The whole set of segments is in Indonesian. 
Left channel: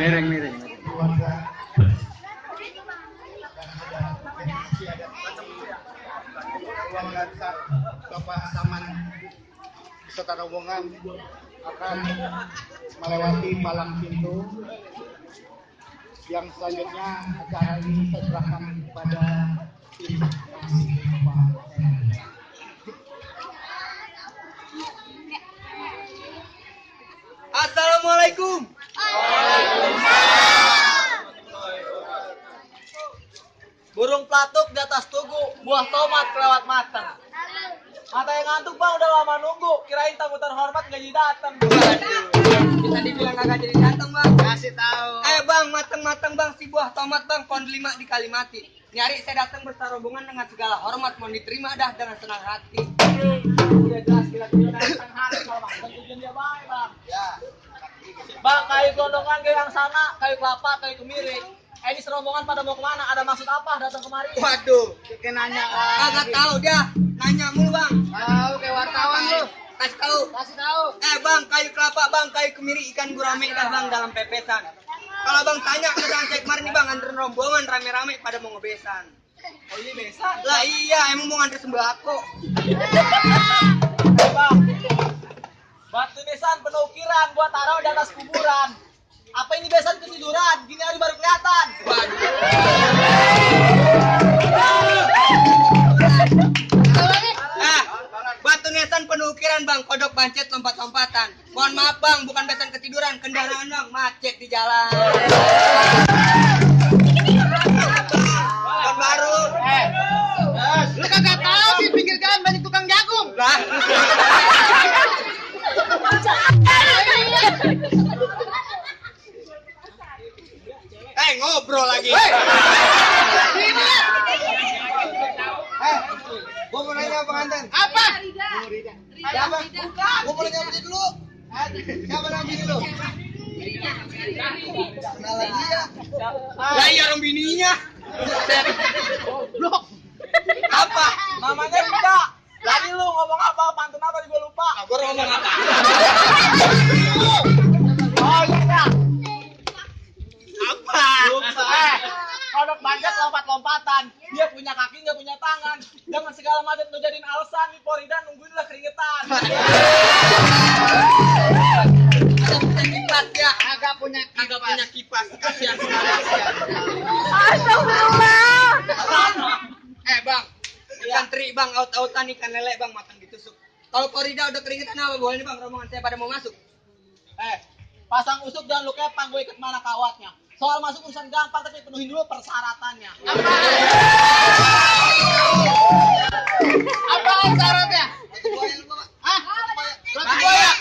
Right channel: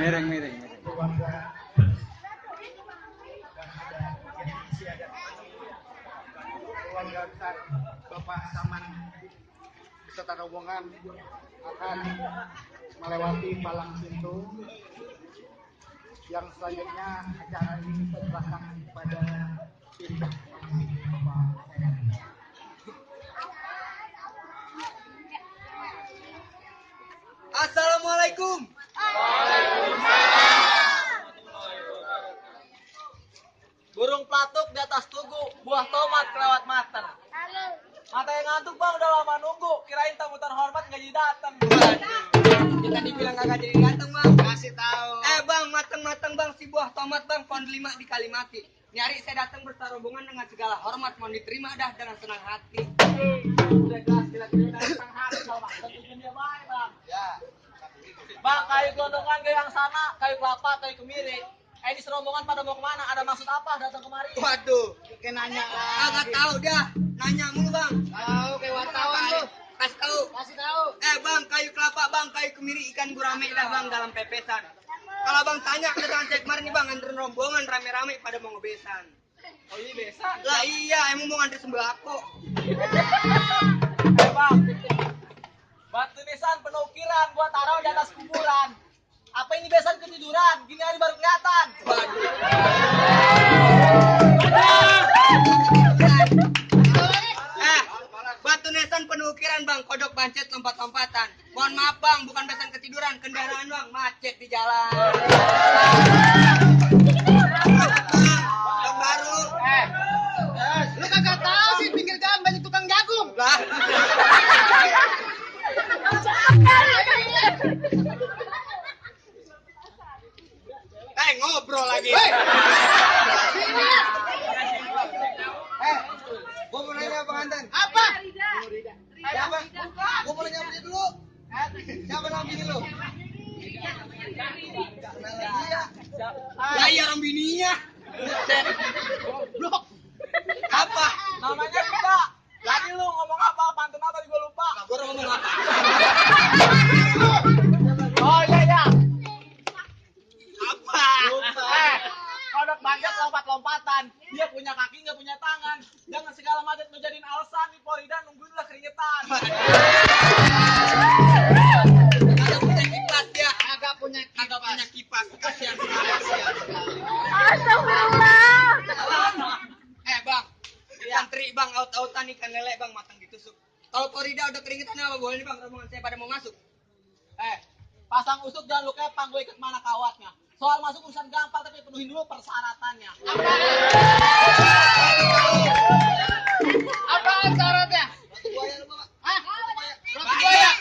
Miring. Keluarga besar Bapak Saman beserta rombongan akan melewati palang pintu yang selanjutnya acara ini saya serahkan kepada tim Bapak Saman. Assalamualaikum. Burung pelatuk di atas tugu, buah tomat kelewat mateng. Mata yang ngantuk bang, udah lama nunggu. Kirain tamu terhormat nggak jadi datang. Kita dibilang kagak jadi datang bang. Kasih tahu. Bang, mateng bang, si buah tomat bang, pohon 5 di Kalimati. Nyari saya datang bersama rombongan dengan segala hormat, mohon diterima dah dengan senang hati. Udah jelas kira-kira dari senang hati kalau maksud tujuan dia baik bang. Ya. Bang, kayu gelondongan kayu yang sana, kayu kelapa, kayu kemiri. Ini serombongan pada mau kemana? Ada maksud apa datang kemari? Waduh, Kita nanya kagak tahu dah. Nanya mulu bang. Tahu kayak wartawan lu. Kasih tahu. Kasih tahu. Bang, kayu kelapa bang, kayu kemiri, ikan gurame dah bang dalam pepesan. Kalau bang tanya ke dalam cek kemarin nih bang, nganterin rombongan rame-rame pada mau ngebesan. Oh iya besan. Lah iya, emang mau nganter sembako. Bang, batu nisan penuh ukiran buat taruh di atas kuburan. Apa ini besan ketiduran? Gini hari baru kelihatan. Batu nisan penuh ukiran bang, kodok pancet lompat-lompatan. Mohon maaf bang, bukan besan ketiduran, kendaraan bang macet di jalan. Bang baru. Lu kagak tahu sih pinggir jalan banyak tukang jagung. Lah. Ngobrol lagi. Gua mau nanya pengantin. Apa? Siapa? Gua mau nanya dia dulu. Siapa nama bini lu? Kenalan dia. Ya iya orang bininya. Goblok. Apa? Namanya Rika. Lagi lu ngomong apa? Pantun apa? Gue lupa. Gua ngomong apa? Oh iya. Apa? Kodok banyak lompat-lompatan. Dia punya kaki nggak punya tangan. Jangan segala macam lu jadiin alasan nih Porida nungguin lah keringetan. Agak punya kipas ya. Agak punya Kipas. Kasihan bang. Santri bang, out-outan ikan lele bang, matang ditusuk. Kalau Porida udah keringetan apa boleh nih bang, rombongan saya pada mau masuk. Pasang usuk dan lu kepang gue ikut mana kawatnya. Soal masuk urusan gampang tapi penuhin dulu persyaratannya. Apaan syaratnya? Hah? Roti buaya.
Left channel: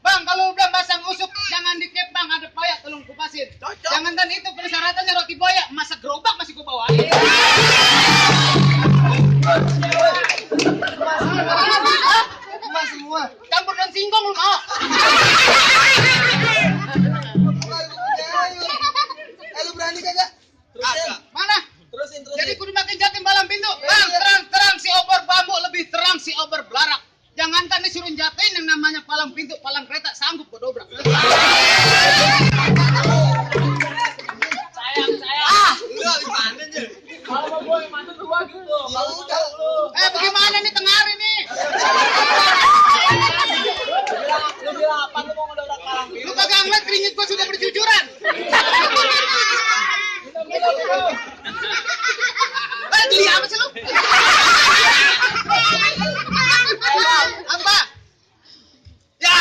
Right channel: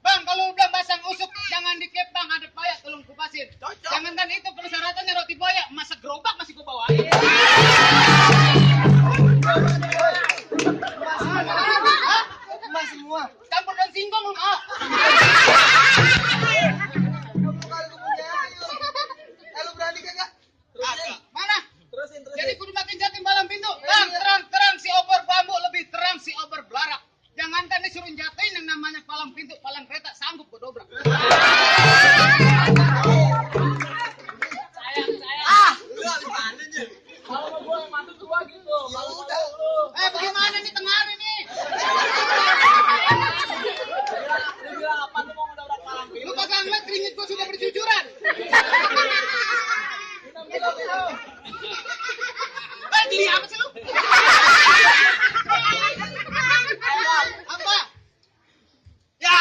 Bang, kalau udah pasang usuk jangan dikepang, ada payah tolong kupasin. Jangan kan itu persyaratannya roti buaya, masak gerobak masih gua bawain. Emas semua. Campur daun singkong lu mau. Lu berani kagak? Agak. Mana? Terusin. Jadi kudu makin jatim balang pintu. Bang, terang si obor bambu lebih terang si obor belarak. Jangankan disuruh jatin yang namanya palang pintu, palang kereta sanggup gua dobrak. Sayang. Lu gimana aja? Kalau mau gue mantu gua gitu. Kalau udah. lu. Bagaimana nih tengah hari nih? Lu bilang apa lu mau ngedobrak palang Lu pintu? kagak ngeliat keringet gua sudah bercucuran. Jadi apa sih lu? Apa? Ya.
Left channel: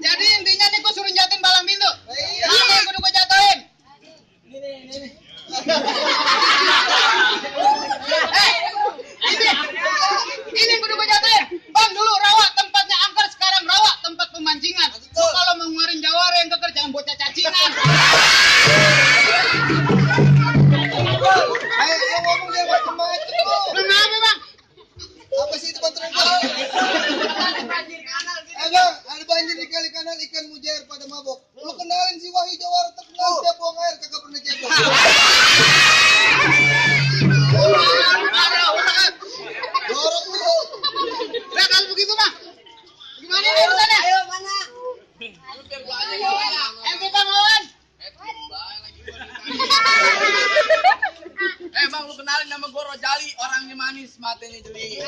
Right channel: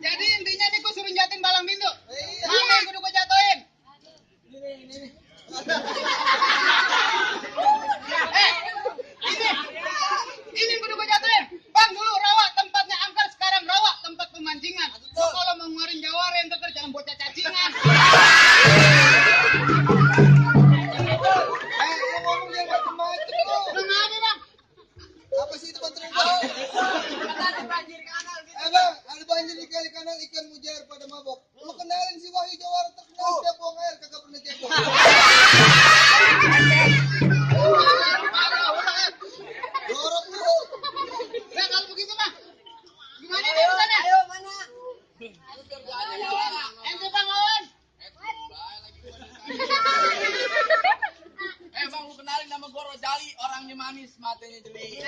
Jadi intinya nih gua suruh jatin balang pintu. Mana yang kudu gua jatuhin? Ini. Ini yang kudu gua jatuhin. Bang, dulu rawa tempatnya angker, sekarang rawa tempat pemancingan. Lu kalau mau ngeluarin jawara yang keker jangan bocah cacingan. Lu ngomong dia macam-macam lu. Kenapa, Bang? Apa sih itu kontrol gua? Ada banjir kanal gitu. Bang, ada banjir di kali bang, lu kenalin nama gue Rojali, orangnya manis, matanya jeli.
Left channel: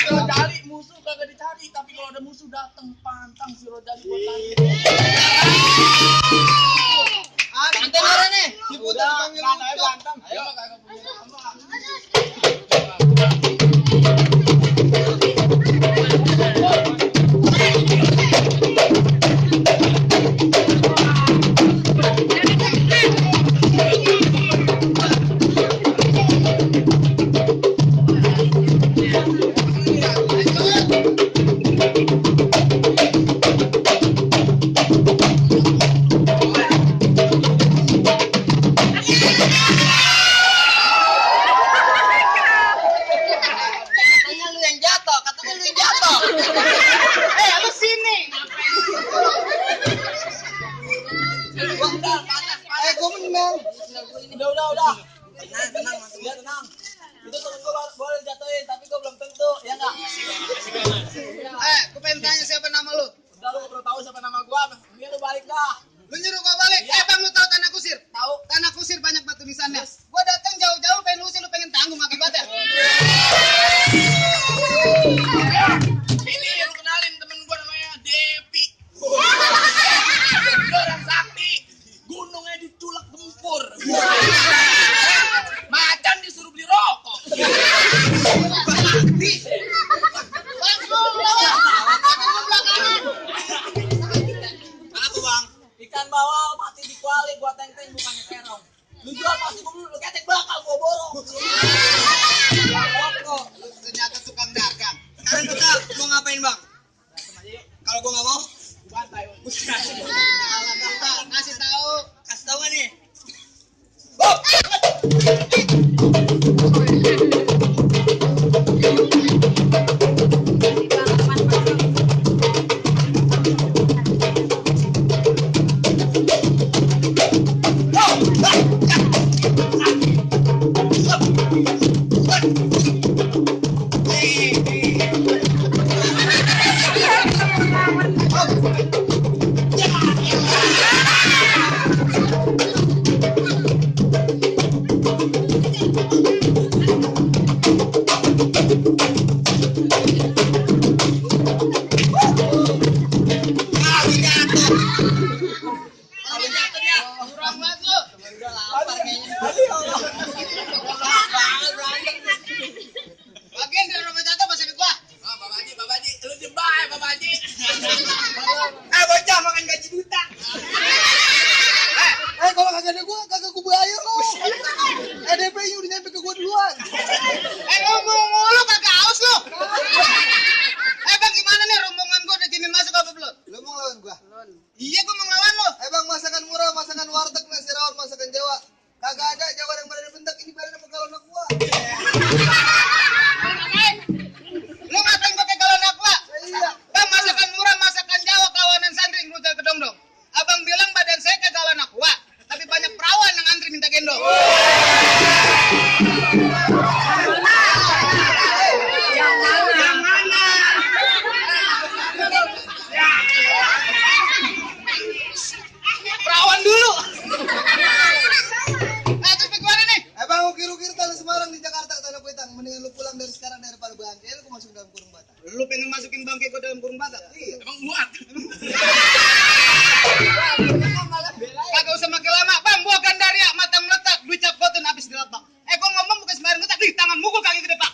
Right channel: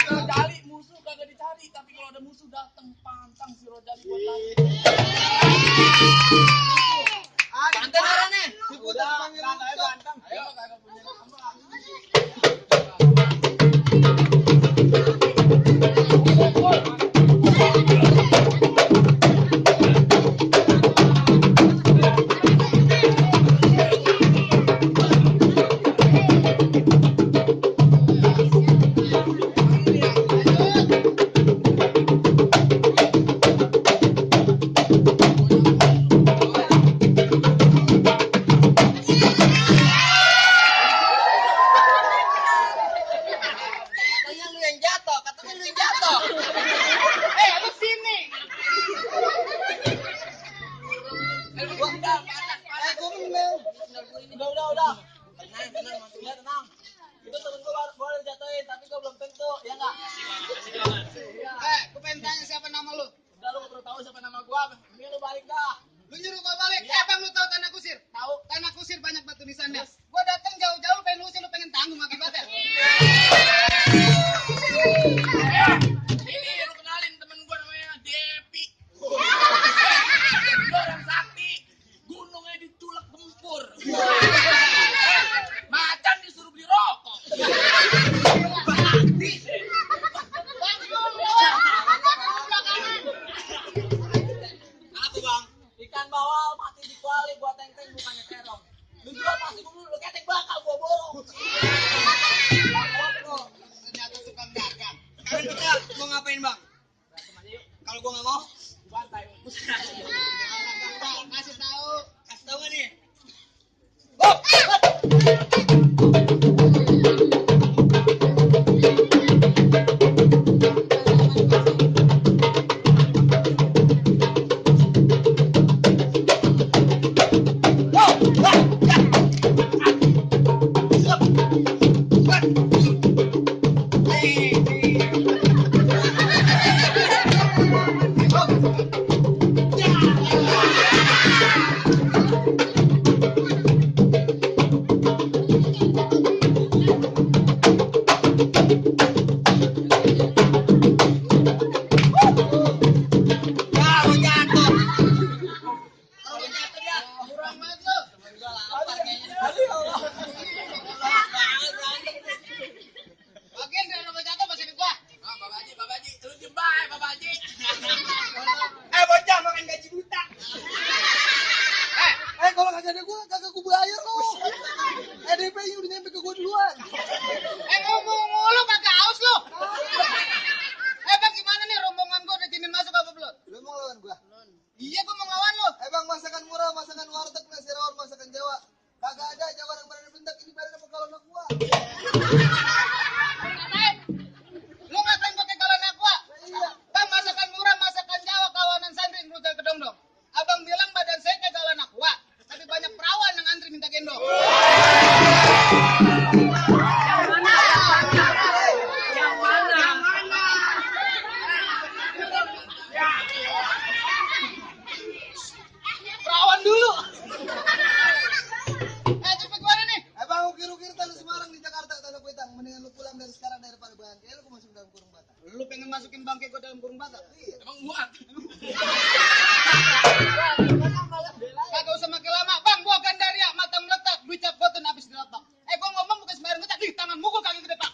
Si Rojali musuh kagak dicari, tapi kalau ada musuh dateng pantang si Rojali buat lari. Banteng orangnya. Udah, katanya bantang. Ayo, kagak punya nama. Katanya lu yang jatuh, katanya lu yang jatuh. Lu sini. Udah, panas. Gua menang. Udah. Tenang, mantu. Ya tenang. Itu temen gue boleh jatuhin, tapi gue belum tentu, ya nggak? Gue pengen tanya siapa nama lu? Udah lu nggak perlu tahu siapa nama gue. Ini lu balik dah. Lu nyuruh gua balik. Iya. Bang, lu tahu Tanah Kusir? Tahu? Tanah Kusir banyak batu nisannya. Gua datang jauh-jauh pengen usir, lu pengen tanggung akibatnya. Ini lu kenalin temen gue namanya Depi. Dia orang sakti. Gunungnya diculak gempur. Macan disuruh beli rokok. Bakti. Bang, lu lawan. Lu belakangan. Apa, Bang? Ikan bawal mati di kuali, gua teng-teng bukannya terong. Lu jual pasti gua lu ketek bakal gua borong. Rokok. Lu ternyata tukang dagang. Sekarang kita mau ngapain, Bang? Kalau gua nggak mau, Bantai. Kasih tahu. kasih tahu nggak nih? Gua jatuh. Kurang banget lu. Gua lapar kayaknya. Banget berantem. Bagian dari rumah jatuh masih di gua. Babaji, lu diem bae, Babaji. Bocah makan gaji buta. Kalau kagak ada gua, kagak gua bayar lo. EDP-nya udah nyampe ke gua duluan. Ngomong mulu kagak haus lu. Bang, gimana nih rombongan gua udah jamin masuk apa belum? Lu mau ngelawan gua? Iya, gua mau ngelawan lu. Bang, masakan murah, masakan warteg, nasi rawon, masakan Jawa. Kagak ada Jawa yang badannya bentak, ini badannya pegal anak gua. Lu ngatain gua kayak anak gua? Iya. Bang, masakan murah, masakan Jawa, kawanan santri ngerujal kedong dong. Abang bilang badan saya kayak anak gua, tapi banyak perawan yang antri minta gendong. Perawan dulu. Terus bagaimana nih? Bang, ukir-ukir tanah Semarang di Jakarta, tanah Kuitang. Mendingan lu pulang dari sekarang daripada bangke, lu masuk dalam kurung bata. Lu pengen masukin bangke gua dalam kurung bata? Iya. Emang muat. Kagak usah makin lama. Bang, gua Gandaria, mata meletak, duit cap cotton habis diletak. Gua ngomong bukan sembarang letak, nih tangan mukul kaki gede, Pak.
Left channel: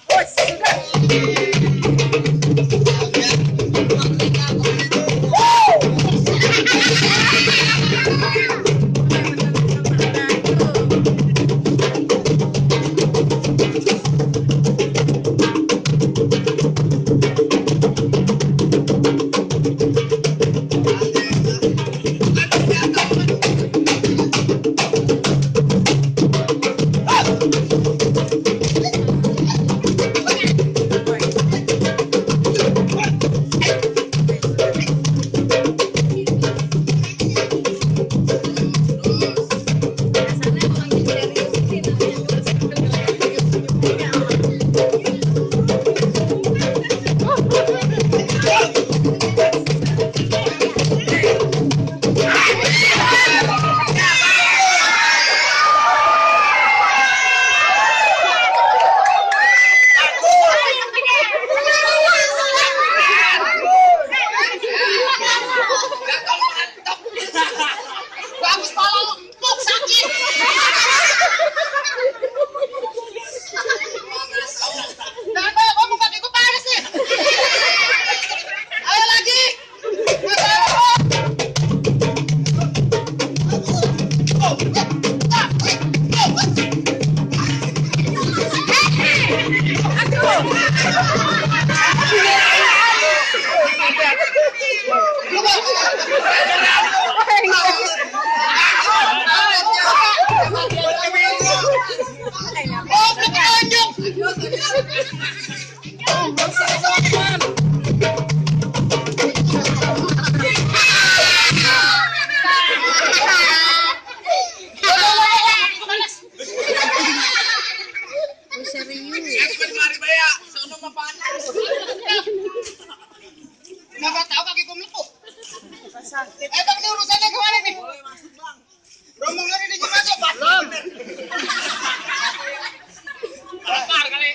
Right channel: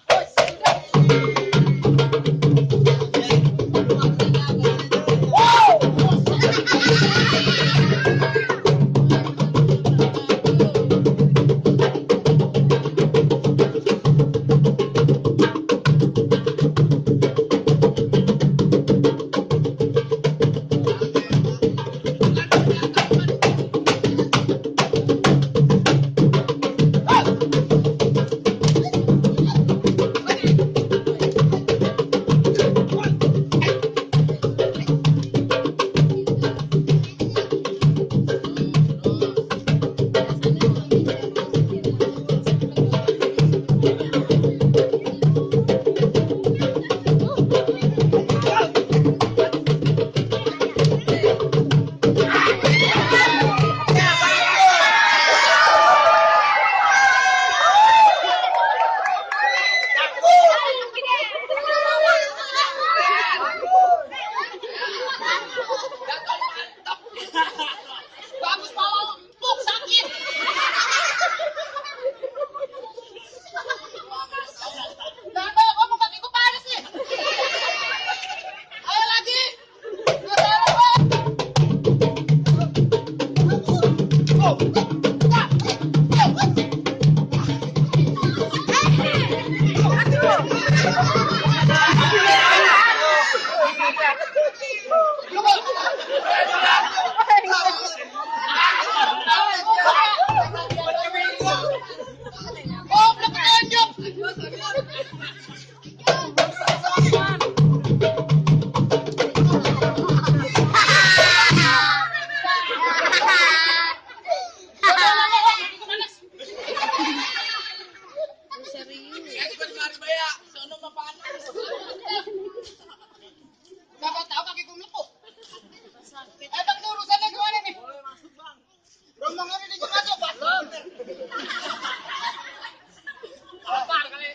Oh, penunjuk. Mari baya, sono mapanas. Kenapa tahu kakiku melepuh? Bang, ini urusannya gimana nih? Boleh masuk, Bang. Rombongan ini izin masuk, Pak. Belum. Lapar kali.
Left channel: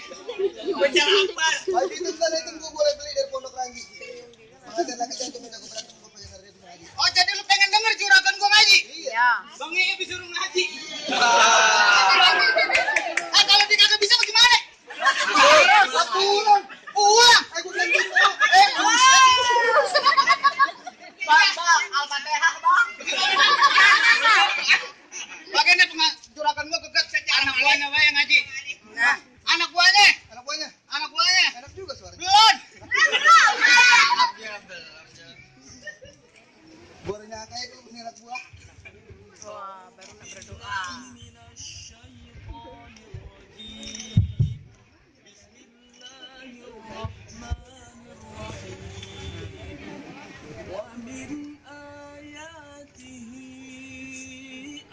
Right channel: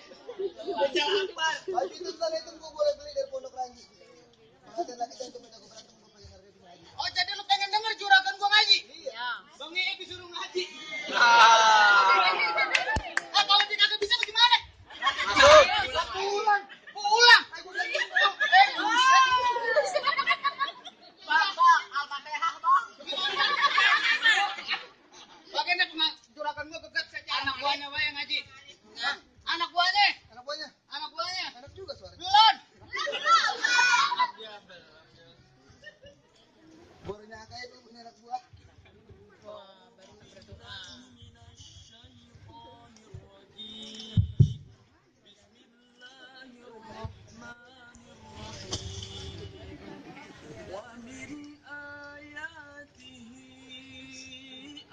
Bejal lapar. Haji itu kan itu gua boleh beli dari Pondok Ranggi. Makanya lagi saya cuma jago berantem gua pengen harga itu ngaji. Oh, jadi lu pengen denger juragan gua ngaji? Iya. Bang Iya disuruh ngaji. Kalau dia kagak bisa bagaimana? Pulang. Pulang. Gua bilang gitu. Bang, Al-Fatihah, Bang. Bagaimana juragan gua kegat anak buahnya wae ngaji. Nah, anak buahnya. Anak buahnya. Anak buahnya. Enak juga suaranya. Belum. Bornya kayak itu punya anak buah. ومن آياته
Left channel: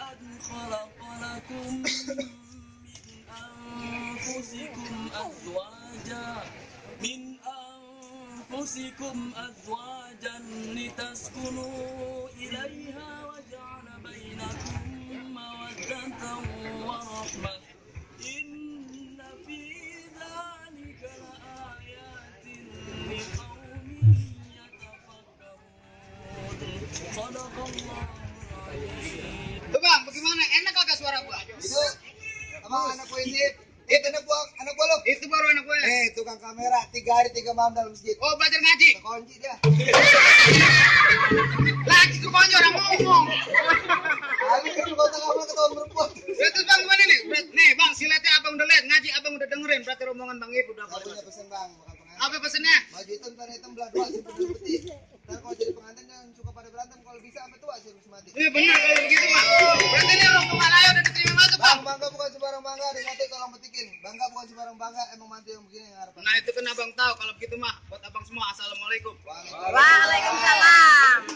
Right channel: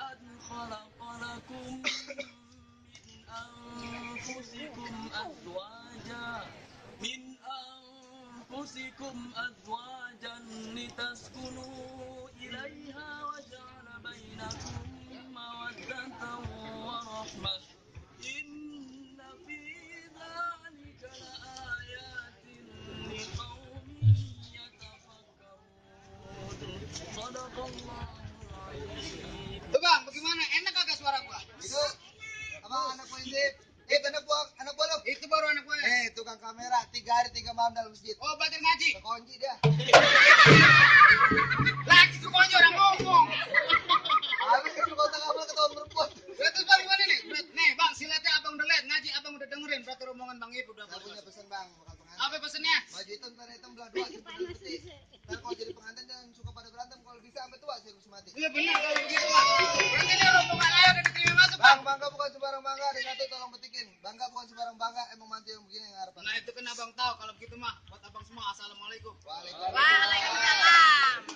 أن خلق لكم من أنفسكم أزواجا لتسكنوا إليها وجعل بينكم مودة ورحمة إن في ذلك لآيات لقوم يتفكرون صدق الله العظيم. Tuh Bang, bagaimana? Enak kagak suara gua? Itu apa anak buah ini? Itu anak buah lo. Itu baru anak gua. Tukang kamera 3 hari 3 malam dalam masjid. Oh, belajar ngaji. Kekunci dia. Lagi ke konjo orang ngomong. Habis itu kota kamu ketahuan berbuat. Ya, terus Bang gimana nih? Nih Bang, silatnya abang udah lihat, ngaji abang udah dengerin, berarti rombongan Bang Ibu udah Saya punya boleh. pesan bang, bakal pengantin. Apa pesennya? Baju hitam tanah hitam belah dua simpen dalam peti. Ntar kalau jadi pengantin jangan suka pada berantem, kalau bisa sampai tua sih harus mati. Iya benar kayak begitu Bang. Berarti ini rombongan ayo udah diterima masuk Bang. Bangga bukan sembarang bangga, ada nanti tolong petikin. Bangga bukan sembarang bangga, emang mantu yang begini yang harapan. Nah itu kan abang tahu kalau begitu mah. Buat abang semua assalamualaikum. Waalaikumsalam. Waalaikumsalam.